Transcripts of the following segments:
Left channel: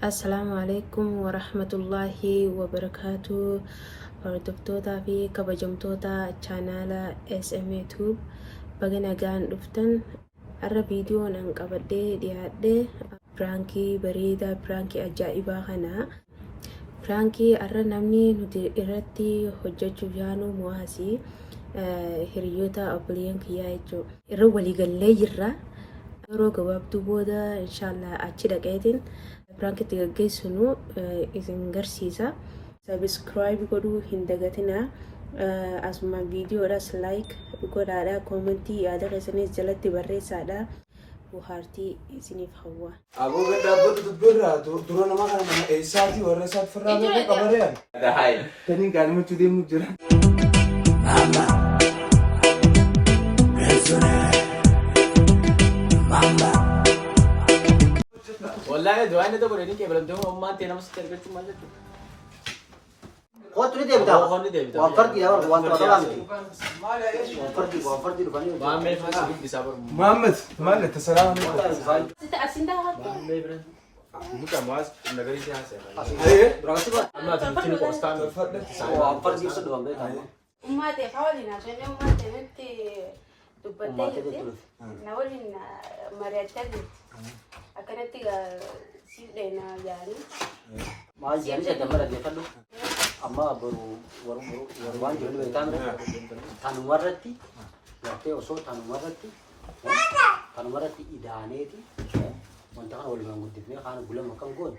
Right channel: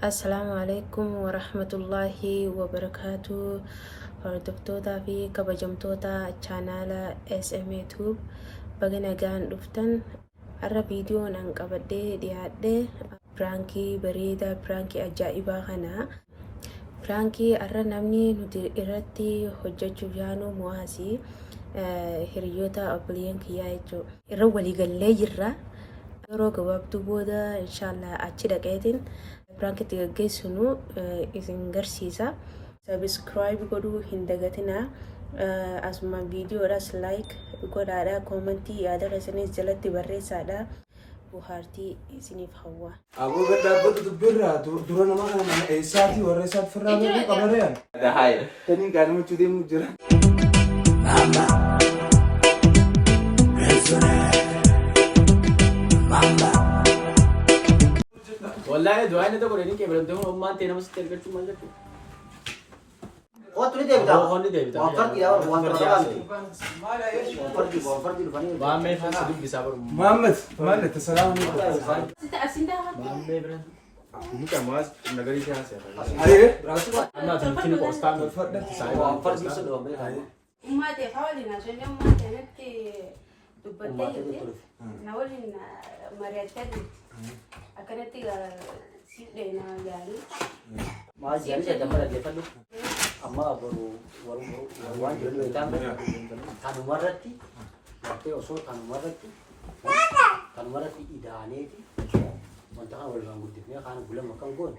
Assalamualaikum warahmatullahi wabarakatuh. Hordoftoota fi kabajamtoota chaanaala SMA Tube baga nagaan dhuftan. Har'a viidiyoon an qabadhee dhiyaadhe piraankii bareedaa, piraankii ajaa'ibaa kana. Piraankii har'a namni nuti irratti hojjechuuf yaanu mu'aasii hiriyoota obboleeyyan kiyyaa jechuudha. Irra waliigallee jirra. Yeroo gabaabduu booda inshallah achi dhaqeetiin piraankii gaggeessinu isin garsiisa. Subscribe godhuu hin dagatina. Asuma viidiyoodhaas like godhaadha. Koomentii yaada keessanis jalatti barreessaadha. Buhaartii isiniif hawwa. Aboo gadhaabbatu dubbirraa dura namaa kana mana eessaatii warra isaatti firraa beekuu qabareen. Dahaay. Tanii gaanimutti deemu jira. Mama. Mama. والله دعائنا ده بقولين كيف بدهم هم أنت أنا بس ترجع شو ما جت. قط لي ديبتا هو هني ده بتاع. وفرق يا وفرق ما ما يفهم سبب بسبب. محمد مالك تسلام. ما ما يفهم. ممكن ماز نقولي كذا سير. أيه. أنا تنتين كوستان. وفرق يصير ما تفعلي عشان يوم ما تنتي تبدأي نقولين مرتين أكنت سيدنا يعني ما جالس تمر dia kan amma baru itu kan tanu marati waktu oso tanu marati idane itu montakan oleh bangun tipnya kan bulan makan gon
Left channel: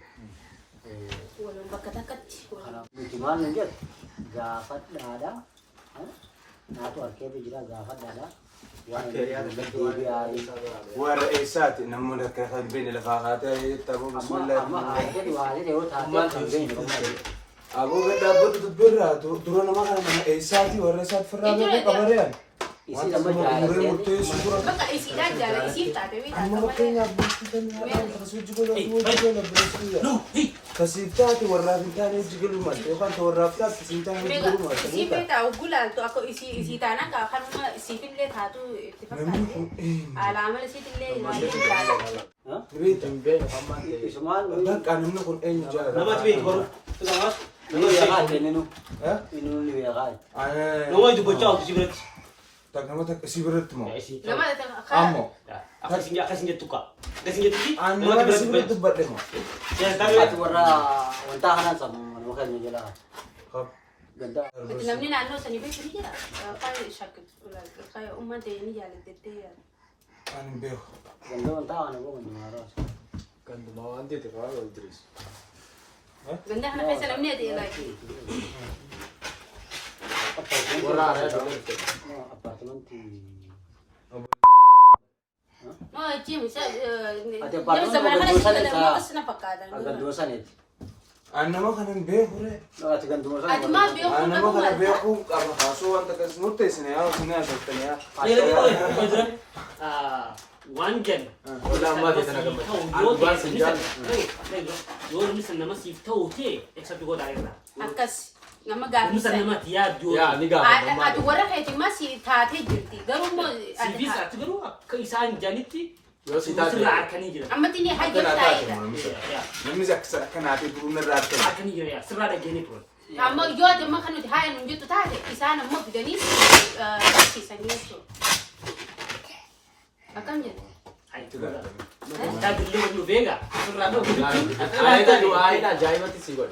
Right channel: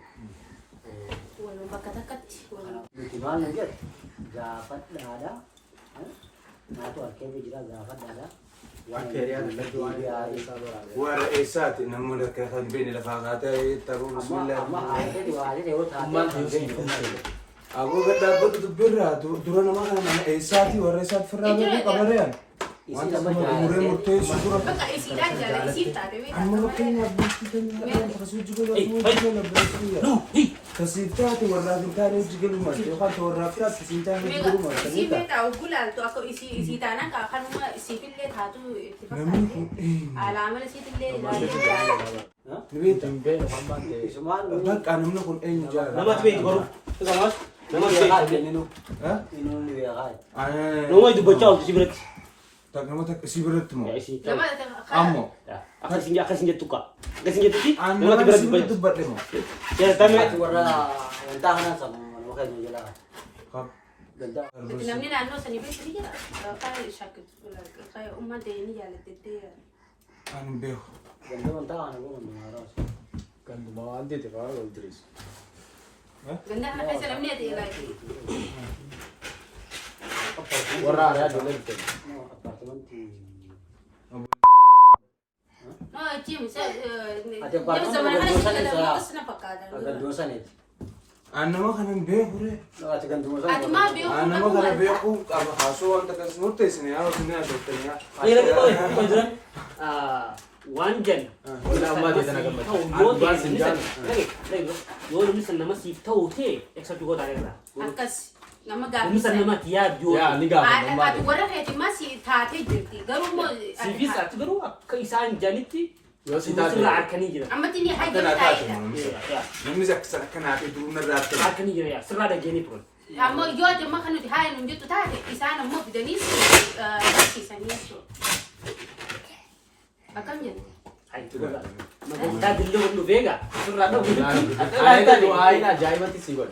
ولا بكتكت ولا butiman nggak dapat ada nah tuh akhirnya juga dapat ada أكيد هذا warra eessaati namni akka kan beene lafaa kaatee taphuun bismillah. ما تنسي. Aboo gadhaabbatu dubbirraa dura namaa kana mana eessaati warra isaatti firraa beekuu qabareen. Wanta muree murteessu dura. بقى إسيلان جالس إسيلتك Amma fakkeenyaaf beeksisa kan akkasuu jigaluu jigaluu bireessiyaa. Kasiiftaati warraaf hin taane jigaluu malte yookaan warraaf taate kasiiftaan jigaluu malte. إسيلتا وقول أنتو أكو إسيتانا كأخذ ما إسيفين ليه تاتو على عمل إسيت اللي Nibeeta. تنبين محمد. Bakka namni kun eenyu jaalladha. Nama tu itu baru. Kita mas. Nama dia kan ini Ha? ini dia kan. Nama itu bocor di sini. Nama takka si biratti moo? Ya isi. لما Ammoo. Akan singgah tuka. Akan singgah tuki. Nama si biratti dubbadhe moo? Ya kami. Itu warna tahanan sama bukan menjelaskan. Kap. Ganda. نمني عنه سنبي فريجة كان شاكت ولا كان أمة ديني جالس تدي Kan beeku. Ganda tahanan bukan menjelaskan. كان ما عندي تفاعل ولا دريس. قلنا إحنا في سلامنا دي لايكي ورا على هذا اللي بتاعي. Apartemen di ما جيم Ada apartemen زمان ada أنا dosa شيء nih, ما Kak. قصنا فكذا agak dosa nih. Nama kanan beeku re. Ada kan dosa. أنت ما بيوم Nama kana beeku apa kaasoo wanta kas murteessine yaa sinee asottane yaa. Ini lagi kau itu. Wanjan. ولا ما تيجي أنا كمان. أنا سنجان. Yo misalnya nama sif tahu te, eksak juga dari mana. أكس لما قال Misalnya nama tiap jo. يا نيجا ما أتو ورا هيتي ما سي تاتي جنتي قالوا مو Sifis itu baru keisan janiti. يو سيتاتي. Sudah arkani jira. أما تيني حاجة Kana taate تايدا moo misal. Ya. Namni akka kanaafii duruu narraa akkana. Arkani jira ya. Serah ada jani pun. أما يوجد ما كانوا هاي نمجتو تاتي إسانا ما بدني نفسي سنيسو أكم جن Hai itu kan. Kita dulu dulu vega. Serah ada. أنا ده دو أنا جاي ما تسيقول.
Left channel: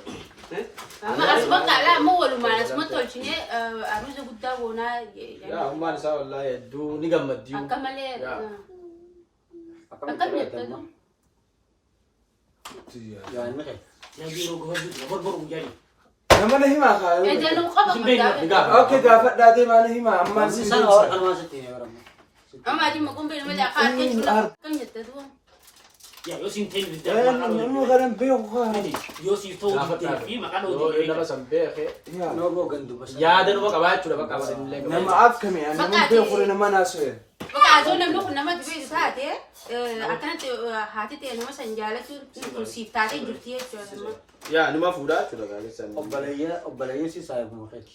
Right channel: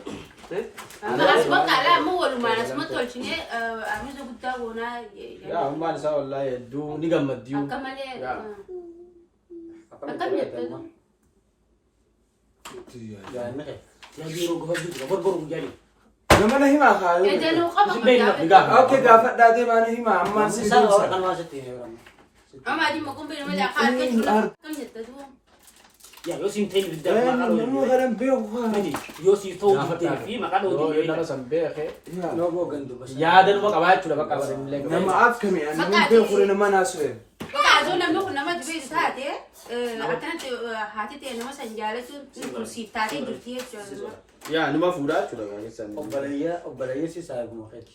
أما أسمع كلام مو ولا ما أسمع تقولشني أنا جو قد ونا يا هم ما نسوا والله يدو نيجا مديو. أكم عليه Ya. أكم جن Ya ini kayak. Ya biro gua juga baru jadi. Nama na himaa kaayu. إذا لو خبر نيجا. Okay gaafadhaatee maana himaa ammaan si Saya dursa. orang masuk ini orang. أما أجي ما أقوم بينما أخاف كيف كم يتدوم Ya yo sinten video Namni kanan beeku kaa. ini yo si tahu video fi maka do يو di إنما سنبيه. No mau gandu bas. يا ده نبغى كمان شو نبغى كمان نلقى. Nama akkami nama beeku re nama naasu'e. بقى زول نملك نما تبي تاتي أكنت هاتي تي نما سنجالة شو سيف تاتي درتيه شو يا نما فودا شو نبغى كيسان. Obbalaya sih saya mau kayak.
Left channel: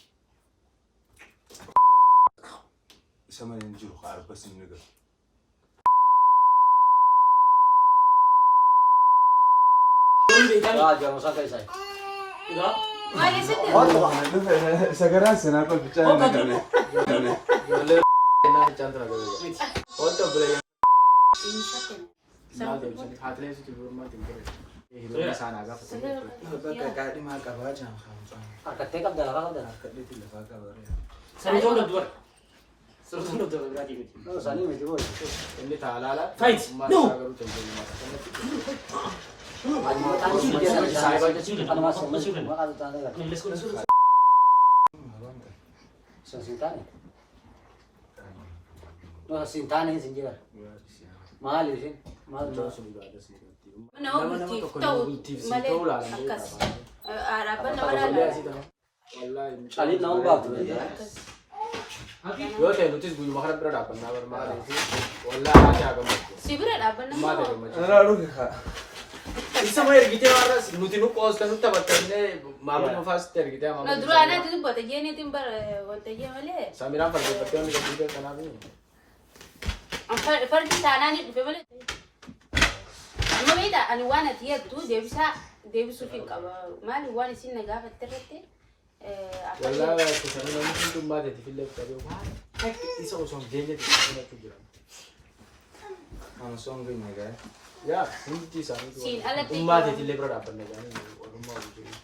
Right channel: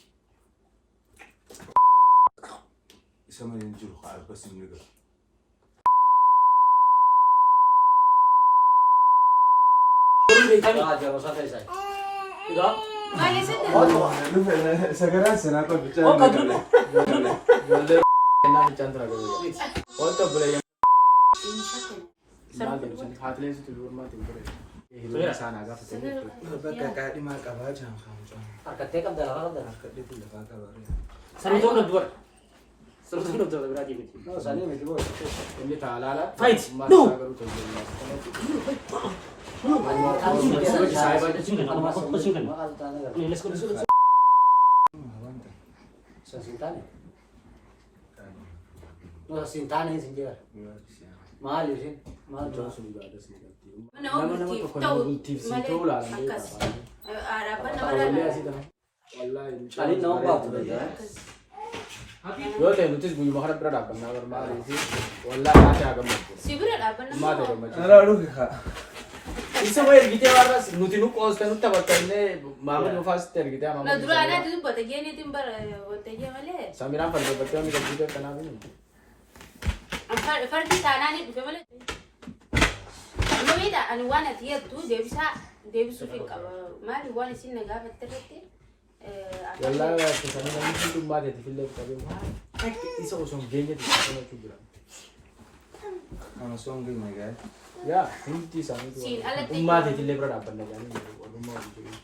Isa man hin jiru kaa arbas hin niga. beekame. Jamu sana isa. Egaa Maal eessatti? Sagaraa sinaa kan bichaa Oka dulu. Ijoollee ennaa bichaan tura gaza. Wanta bulee maal deebisanii haatileen situ birmaatti hin ture. Hiriyoonni isaan haa gaafatanii. bakka qaadhimaa qabaa jaan haamcaa. Harkattee qabda lafaa qabda. Harkadheetii lafaa qabaree. Sani toon dubara. Sani toon dubara biraatii miti. No, sani miti boy. Inni taalaala. Fight. Maal No. isaa garuu tolchee. Sintane sinjera. Mahal isin. Mahal Ijoon sun ibaada seeratti. Nama Nama tokko nama bultiif si ta'uu laalan akkas. Dhaabbanni Wallee mara asii ta'u. Wallaahi. Kali nama baatu. Yoo ta'e nutis guyyuma kana bira dhaabbannaa barbaadee fi wallaahi haati haa gammadu. si bira dhaabbanni Maal ta'e gammachuu. Anaa dhugi haa. Isa ma ergitee warra nuti nu qoosta nutti bakkaannee maamilli mufaa sitti ergitee No maamilli. dura anaati dubbata jeeniitiin bara waltajjii malee. Samiraan falleeffattee wanni qabduu kanaaf Fardi taanaanii dhufe malee. Amma beektaa ani waan ati jettu deebisuuf hin qaba. Maali waan isin na gaafatte irratti? wallaahi akkasanii namni hundummaa ta'e fillee qabee waan isa osoo hin geenyetti kanatu jira. Ana songi nagaa. Yaa hundi isaanii Siin alatti ummaa ta'e illee bira dhaabbanna gaanii walummaa hojii jiru.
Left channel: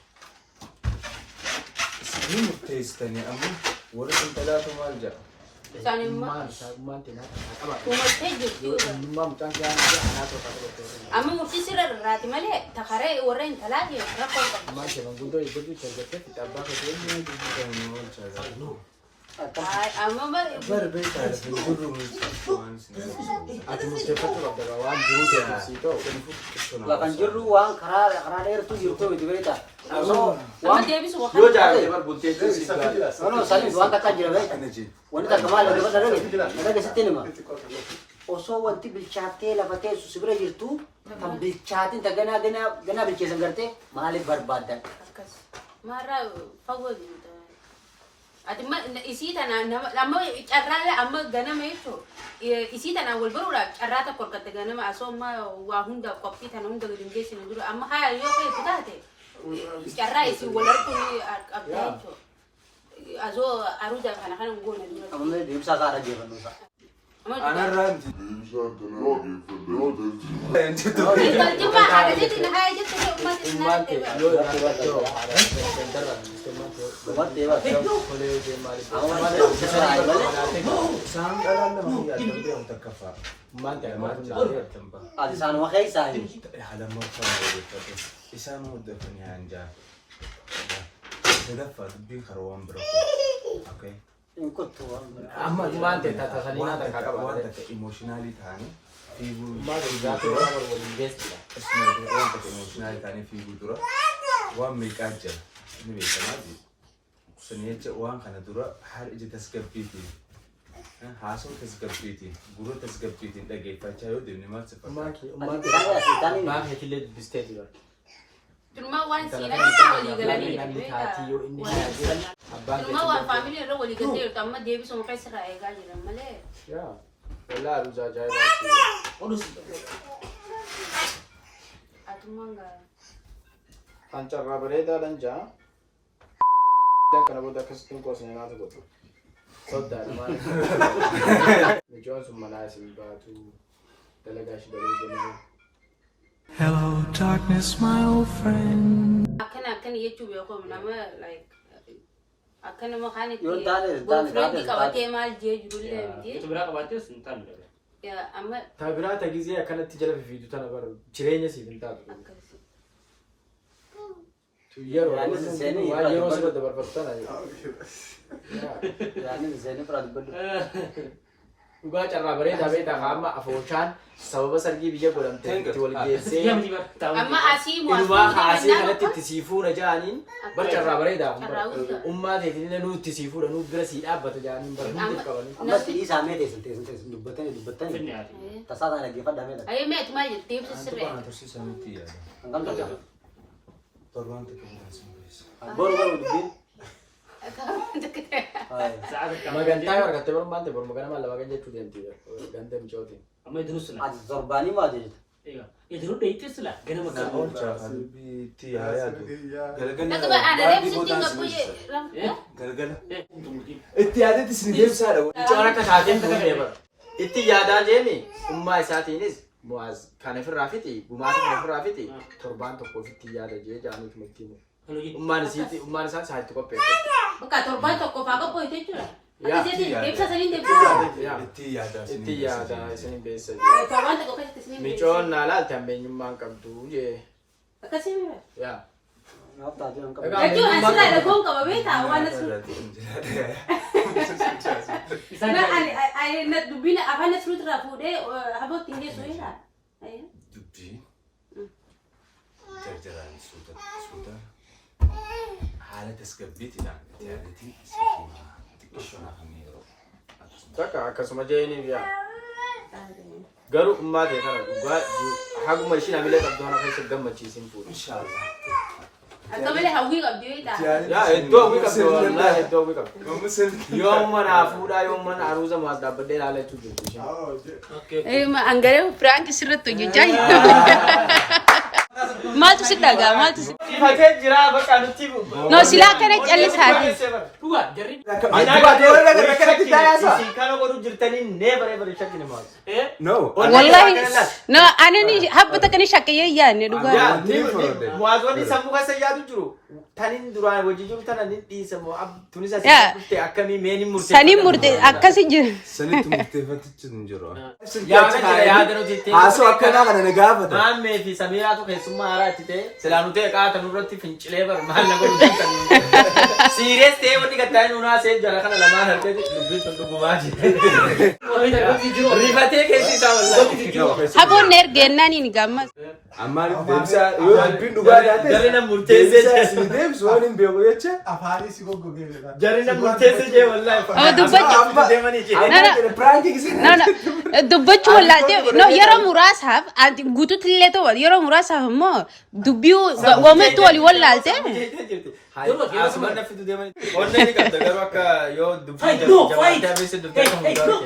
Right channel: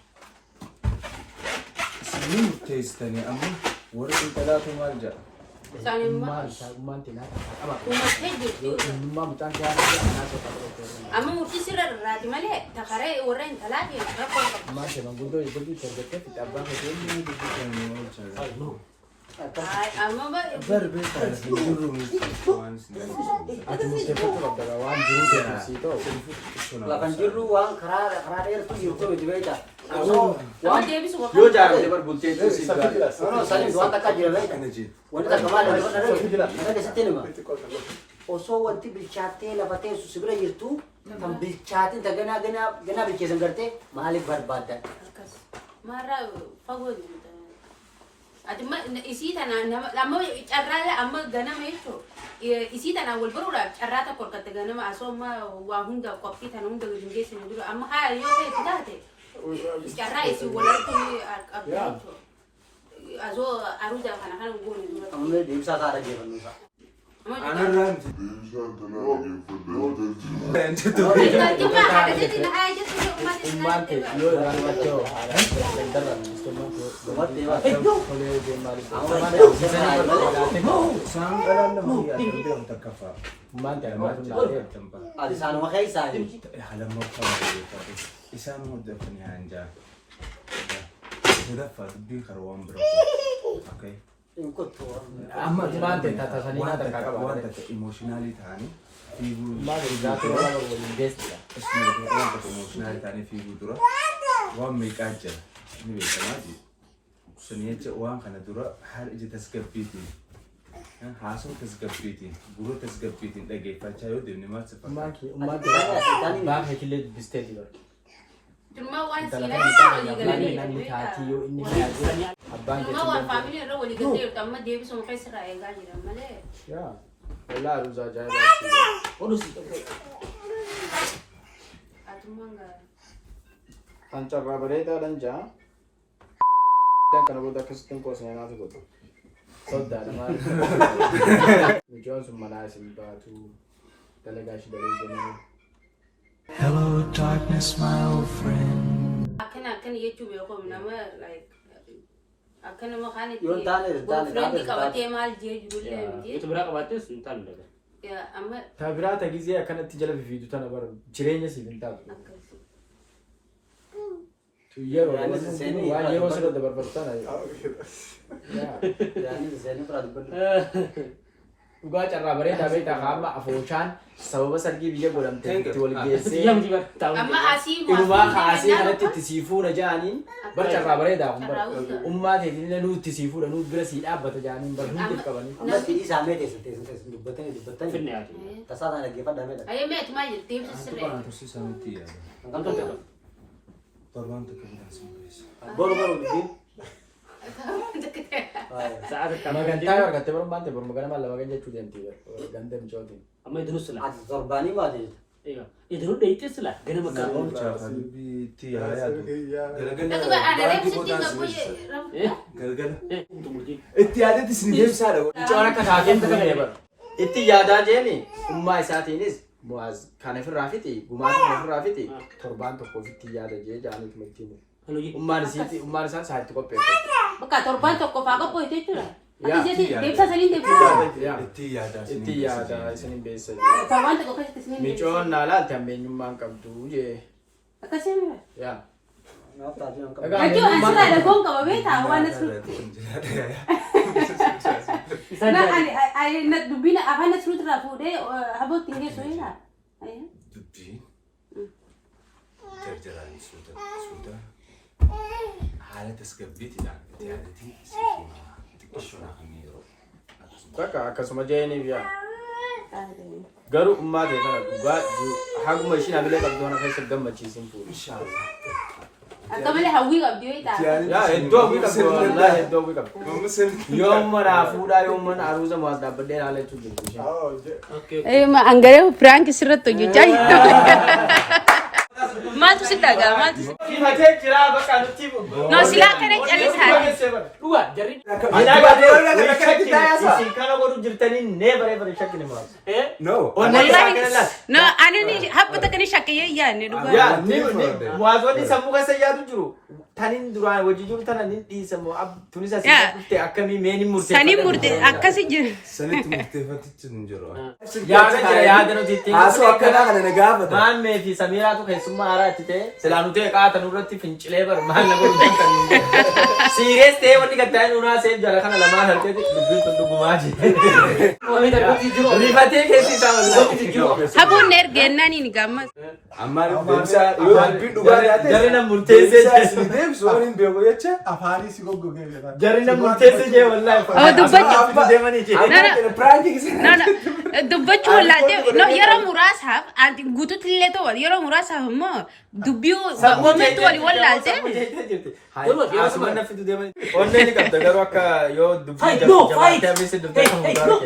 Ni murteessitanii amma warri qinxalaatu maal jedha? isaan immoo Ummaan isaa ummaan ta'e naata qaba. uumattee jirtu. Ummaa mucaan kee aanaa jira anaa tokko qaba tokko. Amma murtii sirra irraati malee takaree warra hin talaate rakkoo qaba. Ummaan ta'e manguddoo eeggatu itti argattee itti abbaa kee Inni dubbifamuu oolchaa jira. Amma Barbee taala hin jirru waan ati murteeffachuu qabda waan jiruu ta'e sii ta'u. Lakan jirru waan karaa dheertuu jirtu miti beekta. amma deebisu Yoo jaalatee barbultee si gaara. Nama sanis waan takka jira beekta. kana jee. Wanti takka maal lafa dhabee lafa keessatti nima. Osoo wanti bilchaattee lafa teessu si bira jirtu kan bilchaatiin ta ganaa bilcheessan gartee maaliif barbaadda? akkas. Maarraa fagoo jirta. Ati isii tanaan amma carraa amma ganama jechuun isii tanaan wal baruudhaaf carraa tokko argatte ganama asoo amma waa hundaaf qophii tana hunda gadi hin geessine dura amma haa yoo keessa taate carraa isii wal arguun qabdi jechuudha. Asoo aruuja kana kana goone dura. Ammallee deemsaa isaa dhaggeeffannuusa. Anarraa miti. Ummaan ta'e yoo irraa dhiyaatoo haadha darra ummaan ta'e Uummattee waan kolee hojii maaliif Isaan dhalaan lama fi adda ta'u takka fa'a. ummaan ta'e maatu naatee Jambaa. ati isaanuma keessaa hin. Halammaffaa maayyeeffate. Isaan muddafanii hanjaa. Sadaffaa dubbiin karaa waan bira koo. Okay. Hin kottu. amma ummaan ta'e tatasanii Waan naata takka qaba waan takka emotionaalii ta'anii fiiguu. ummaan ta'e jaatee waan waliin geessudha. Waan takka emotionaalii ta'anii fiiguu dura waan meeqaa jira ni beekamaa jiru. Sani jecha waan kana dura haala ija tasgabbiitiin haasoo tasgabbiitiin gurra tasgabbiitiin dhageeffachaa yoo deemne maal ummaan siffata. kee ummaan ta'e abbaa keetillee dubbistee jira. Tuma waan Intala siinaa kan walii galanii namni taatii yoo inni haadhe abbaan Tuma waan keetillee. faamilii irra walii galtee jirtu amma deebisuma keessa irraa eegaa jiran malee. Yaa wallaahi aruusa ajaa'ibaa. Odus. Atummaan gaarii. Kan carraa bareedaadhaan jaa. Kana booda akkasitti hin qoosne naatu godhu. Soddaadha maali? Mijoon sun manaa isin baatu dalagaa ishee dalee jennu. Hello, darkness, my old friend. Akkana jechuu beekuun nama akkana maqaan Yoo taane boyfriendii qabatee maal jee jirullee miti. Itu biraa qabaattes hin taane daga. Amma Taabiraata gizee akkanatti jala fiidu tana bara jireenya siif hin taatu. akkasi. Yeroo Yaani waan yeroo sirra dabarfatu tana. Yaani miseeni fira dubbadhu. Dhugaa carraa bareedaa beektaa amma afooshaan sababa sargii biyya godhamte itti wal Yaa geessee miti bara. Amma asii inumaa kaasee kanatti itti sii fuudha jaaniin bar carraa bareedaa kun bara ummaa teetiin nuu itti sii fuudha nuu bira sii dhaabbata jaaniin bara hundi qabanii. Amma fidii isaanii teessin dubbattanii. Finne ati. Tasaa sana dhaggeeffadhaa meedha. Ayyee meeti maal jirti deemsa sirree. Waan tursiisanitti yaada. Hangam tokko. Torbaan takka bilaasiin keessa. Boru dubbiin. Sa'a takka. Magantaa yoo argatte baru maante baru magana maal lama kan jechuu deemti ganda michootiin. Amma idinus sila. Ati torbaanii maa jedheta? Egaa iddoo dheeyittis la gana Na makkaan. oolchaa habibii itti yaayatu. Galgala Akka ada baadii lagi boodaan sih si beeksisa. Galgala. Tumurtiin. Itti yaadetti isin deebisaadha. Mucoon akka taateen ta'e bara. Itti yaadaa jeeni ummaa isaatiinis bu'aas kan ofirraa fiti gumaata kan ofirraa fiti torbaan tokkoof itti yaada jee jaaniif matti himu. Ummaan isaa isaatti qopheeffatu. Bukan torban toko fago po itu lah. Ya, Jadi iya. dia bisa sendiri dia. Yaa Itti yaadaa isin itti yaada isiniin beessa jee. Torban toko kasih kesini. Micoon naa laalte ammeenyummaan qabdu jee. Kasih ni. Yaa. Lagi asal ada gong kau beta awan nasu. Nah, ay nat dubina apa nasu terapu deh, habis tinggi soalnya. Ayo. Dubbii jarjaraan suuta haala tasgabbiitidhaan itti yaadatii siifuma xiqqishoon akkamii yeroo Takka akkasuma jeeniif yaa. Garuu ummaa ta'e kana dhugaa haguma ishiin hamilee qabdu kana keessa gammachiisin fuudhu. inshaallah Atau boleh hawi kau dia tak. Yaa iddoo hawwii qabdu wallaahi iddoo hawwii qabdu. mamma sirri Yooma naa fuudhaa yooma aruuza maas dhaabbadhee ilaalee jirtu jirtu isheen. Okay. Anggaran prank seret tu je cai. Mal tu sudah gak mal tu. Sifatee jira bakka nuti. No silakan aja lihat. Dhugaa jarri. Isin kana godhu jirtanii nee baree baree shakkine maas. no Wallahi. No, ane ni habba tak ni syakaya ya ni duga. Yaa waazonni sammuu keessa yaadu jiru. Tanin duraan wajji jiru tana nin dhiisamu tunis asii Yaa. dhufte akkami meenin murteeffate. Sani murte akkasi je. sanitti murteeffatichi hin jiru Yaada nuti ittiin. haasoo akkanaa kana na gaafata Maammee fi Samiiraatu keessummaa haaraa itti ta'e silaa nu ta'e qaatan irratti fincilee bar maal na godhu kan siirees ta'e wanni gattaa'in unaa see jala kana lamaan harkee dubbiin tun dhugumaa jee. Rifatee keessi isaa wallaahi. Habon ner genani ni gamma. ammaan deebisaa yoo dubbiin dhugaa taate Jarri na murteessee deebisaa isin deebisu waan hin beeku jecha Jarri na murteessee jee wallaahi. Oh, dubbachu. Deemanii jee. amma piraankiin No, no. Dubbachu wallahi. No, yero murasaf. Anti gutu tille to yero murasaf mo. Dubbiu wametu wali wallalte. Asuma na fidu deemanii. Onnee ni qabda garuu akka yoo dubbii Fight, no, jabaatee fight. abeessa dubbii kan hundaa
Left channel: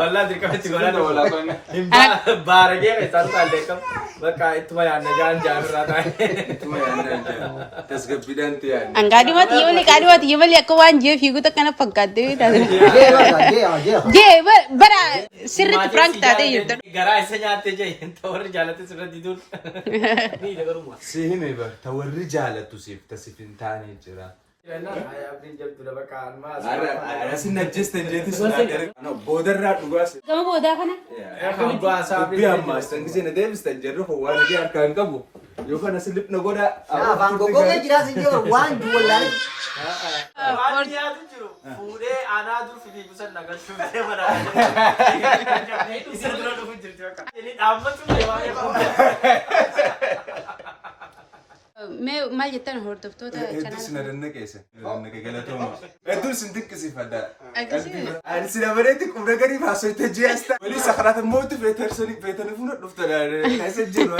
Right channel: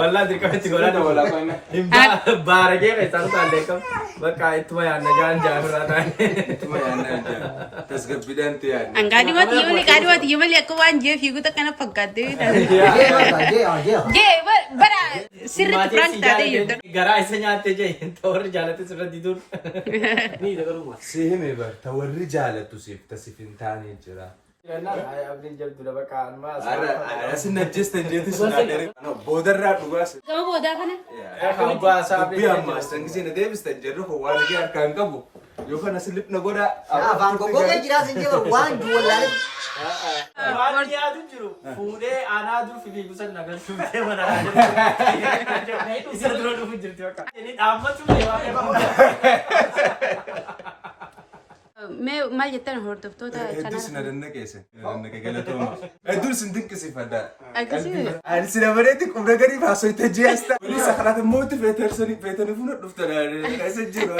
Wallaahi dirqamatti godhata. Baaragee keessaa utaallee qabu. Bakka ittuma yaadna jaan jaafirraa taa'e. ittuma yaannaa tasgabbiidhaan ta'e yaadne Angadi mati yole kadi mati yole aku wan je figu tak kana pangkade. Je bara sirrit prank tade yurda. Garaa isa nyaattee jee warri jaalate sirra diduun. Ni da garuma. si hime bar ta warri jaalattu siif tasif hin taane jira asin najjesta jeeti sinadere boodarraa dhugaas Kamu boda kana? dubbii ammaas tangisee na deebistan jedhu ko waan hagi harkaan qabu yoo kana silip na godha Afaan goggogee jiraas hin jiru waan juwallaalee. Waan dhiyaatu jiru fuudhee aanaa dur fiigu san nagartuutee mana isa dura dhufu jirti bakka. Inni dhaabbatu Me mal jettan hordoftota hedduu kana. sina dannakeesse dannake galatooma hedduun sin dinqisiifadha Akkasii. ani sina bareetti qubna gariif haasoyte ji'asta inni sakarata mootti feetarsanii feetanii funa dhufta keessa jiru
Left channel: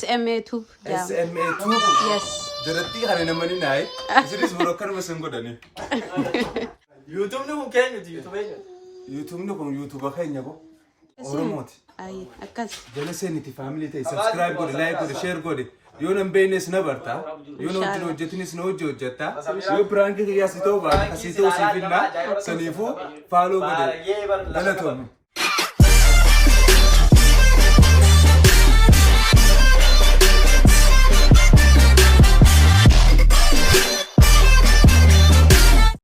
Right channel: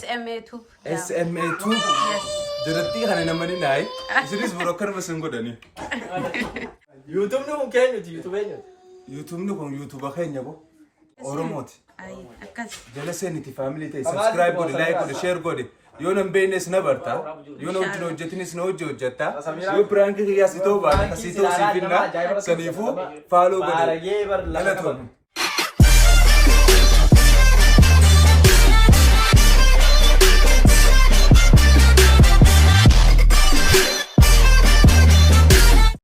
SMA tube. SMA tuubu jiratti kana namani naayi isinis biroo akkanuma sin godhani yuutuubni kun keenyuti yuutuubeenyu. yuutuubni kun yuutuuba keenya bo oromooti Ay, akkas. jala seeniti faamilii ta'e subscribe godhe like godhe share godhe yoo nan beeknes na barta yoo na wajjin hojjetinis na hojii hojjetta yoo piraankii kiyyaas itoo baate kasii ta'uu siif hinna saniifuu faaloo godhe galatoomu.